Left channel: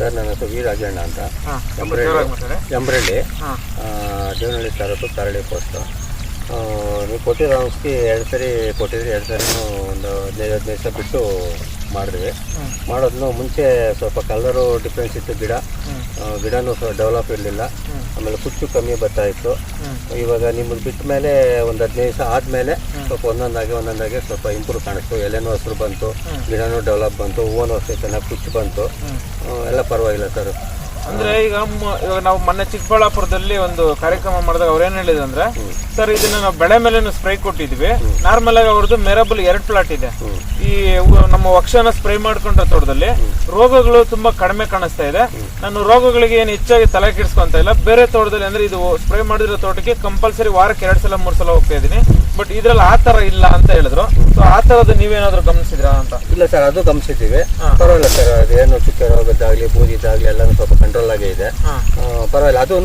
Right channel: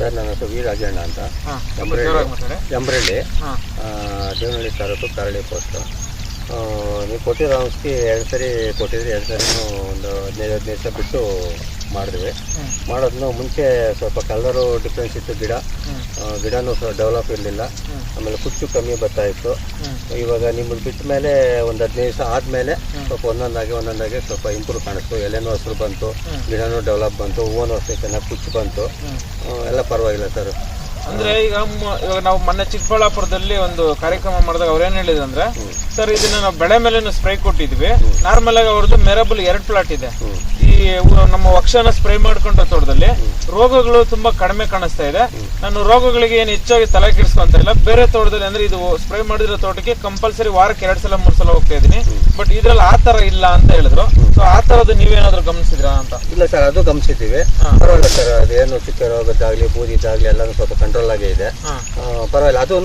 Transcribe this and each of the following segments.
Sir ನನ್ನ ಹೆಸರು V Rajanna ಅಂತ ಎಂಬ್ರಳ್ಳಿ ದೇವನಹಳ್ಳಿ ತಾಲೂಕು ಕರಳಿ ಪೋಸ್ಟು ನೀವು ಕೊಟ್ಟಿರೋ ಔಷಧಿ ಎರಡು ಸರಿ ಕೊಟ್ಟಿದ್ರಿ ಎರಡು ಸರಿ ಒಂದು ಹದಿನೈದು ಹದಿನೈದು ದಿವಸ ಬಿಟ್ಟು ಮಾಡಿದ್ವಿ. ಮಾಡೋದನ್ನು ಮುಂಚೆ ಸ್ವಲ್ಪ ಕಲರು ಡಿಫ್ರೆನ್ಸ್ ಇತ್ತು ಗಿಡ. ಗಿಡನೂ ಸಹ ಡೆವಲಪ್ ಇರಲಿಲ್ಲ. ಆಮೇಲೆ ಕುಚ್ಚು ಕಮ್ಮಿ ಬರ್ತಾ ಇತ್ತು. ಇವಾಗ ನಿಮ್ಮದು ಬಿಟ್ಟ ಮೇಲೆ ಒಂದು ಹದಿನೈದು ದಿವಸ ಆದಮೇಲೆ ಸ್ವಲ್ಪ ಒಂದೊಂದಾಗಿ ಒಂದೊಂದಾಗಿ ಸ್ವಲ್ಪ ಇಂಪ್ರೂವ್ ಕಾಣಿಸ್ತು. ಎಲೆನೂ ಹಸಿರು ಬಂತು. ಗಿಡನೂ ಡೆವಲಪ್ ಬಂತು ಹೂವನು ಅಷ್ಟೇ ಚೆನ್ನಾಗಿ ಕುಚ್ಚು ಬಂತು. ಎಲ್ಲ ಪರವಾಗಿಲ್ಲ ಸರ್ ಅಂದ್ರೆ ಈಗ ನಾವು ಮೊನ್ನೆ ಚಿಕ್ಕಬಳ್ಳಾಪುರದಲ್ಲಿ ಒಂದು ಕಾರ್ಯಕ್ರಮ ಮಾಡಿದಾಗ ಅವ್ರು ಏನು ಹೇಳಿದ್ರು ಅಂದ್ರೆ ಸರ್ ಇದನ್ನ ನಾವು ಬೆಳೆ ಮೇಲೆ ಸ್ಪ್ರೇ ಕೊಟ್ಟಿದ್ವಿ. ನಾರ್ಮಲ್ ಆಗಿ ಅವ್ರದ್ದು ಮೆರಬಲ್ ಎರಡು ಪ್ಲಾಟ್ ಇದೆ. ಈ ನಮ್ಮ ವಕ್ಷನ ಸ್ಪ್ರೇ ಮಾಡ್ಕೊಂಡ್ರ ತೋಟದಲ್ಲಿ ರೋಗಗಳು ತುಂಬಾ ಕಡಿಮೆ ಕಾಣಿಸ್ತಾ ಇದೆ. ನಾನು ರೋಗಗಳಿಗೆ ಏನು ಹೆಚ್ಚಾಗಿ ತಲೆ ಕೆಡಿಸ್ಕೊಂತ ಇಲ್ಲ. ಬೇರೆ ತೋಟದಲ್ಲಿ ಅಂದ್ರೆ ಇದು ಸ್ಪ್ರೇ ಮಾಡಿರೋ ತೋಟಕ್ಕೆ ಕಂಪಲ್ಸರಿ ವಾರಕ್ಕೆ ಎರಡ್ ಸಲ ಮೂರ್ ಸಲ ಹೋಗ್ತಾ ಇದೀನಿ ಬಟ್ ಇದ್ರಲ್ಲಿ ಆ ತರ ಇಲ್ಲ ಅಂತ ಹೇಳಿದ್ರು. ಸೊ ಆ ತರದ್ದು ನೀವೇನಾದ್ರೂ ಗಮನಿಸಿದ್ರಾ ಅಂತ? ಇಲ್ಲ ಸರ್ ಅದು ಗಮನಿಸಿದ್ದೀವಿ. ಪರವಾಗಿಲ್ಲ ಸರ್ ಏನು ಚುಕ್ಕೆ ರೋಗದ್ದಾಗ್ಲಿ ಬೂದಿದ್ದಾಗ್ಲಿ ಎಲ್ಲಾನು ಸ್ವಲ್ಪ ಕಂಟ್ರೋಲ್ ಆಗೇ ಇದೆ. ಪರವಾಗಿಲ್ಲ ಅದೂ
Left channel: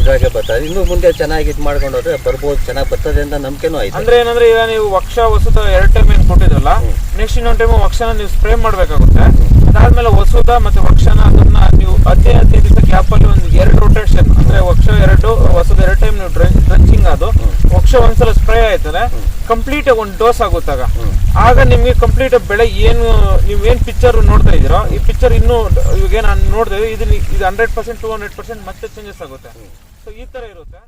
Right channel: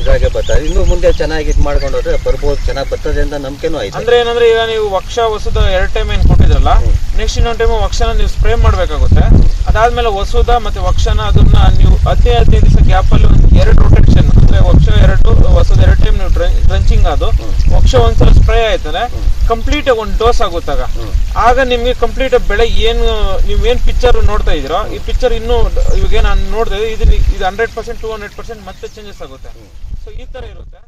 ಇದಾಗೆ ಬರ್ತಾ ಇನ್ನು ಮುಂದೆ ಚೆನ್ನಾಗಿ ಇದು ಮಾಡ್ಕೊಂಡು ಹೋದ್ರೆ ಬರ್ಬೋದು ಚೆನ್ನಾಗಿ ಬರ್ತದೆ ಅಂತ ನಂಬಿಕೆನೂ ಆಯ್ತು ಅಂದ್ರೆ ಏನಂದ್ರೆ ಈಗ ನೀವು ವಕ್ಷ ವಸುದ ಎರಡು ಟೈಮ್ ಏನ್ ಕೊಟ್ಟಿದ್ರಲ್ಲ ನೆಕ್ಸ್ಟ್ ಇನ್ನೊಂದು ಟೈಮ್ ವಕ್ಷನ ನೀವು ಸ್ಪ್ರೇ ಮಾಡ್ಬೇಕಾಗುತ್ತೆ. ಅದಾದ್ಮೇಲೆ ವಸುದ ಮತ್ತೆ ವಕ್ಷನ ಅದನ್ನ ನೀವು ಹದಿನೈದು ಹದಿನೈದು ದಿವಸ ಗ್ಯಾಪ್ ಅಲ್ಲಿ ಒಂದು ಎರಡು ರೊಟೇಷನ್ ಅಂದ್ರೆ ವಕ್ಷ ಎರಡು ವಸುದ ಎರಡು ಟೈಮ್ ನೀವು ಡ್ರಂಚಿಂಗ್ ಅದು ವಕ್ಷ ಒಂದ್ಸಲ ಸ್ಪ್ರೇ ಆಯ್ತಂದ್ರೆ ಕಂಪ್ಲೀಟ್ ಒಂದು ಡೋಸ್ ಆಗುತ್ತಾಗ ಆಗ. ನಿಮ್ಗೆ ಕಂಪ್ಲೀಟ್ ಬೆಳೆ ಏನು ನೀವ್ ಏನ್ ಪಿಕ್ಚರ್ ನೋಡ್ತಾ ಇದೀರೋ ಈ ಪಿಕ್ಚರ್ ಇನ್ನು ಇವಾಗ ನಾನು ನೋಡ್ತಾ ಇದ್ದೀನಿ ಇದು ಇದು hundred percent two hundred percent ಮತ್ತೆ ಚೇಂಜಸ್ ಆಗುತ್ತೆ. ಸೊ ಈ ತರ ಇರುತ್ತೆ.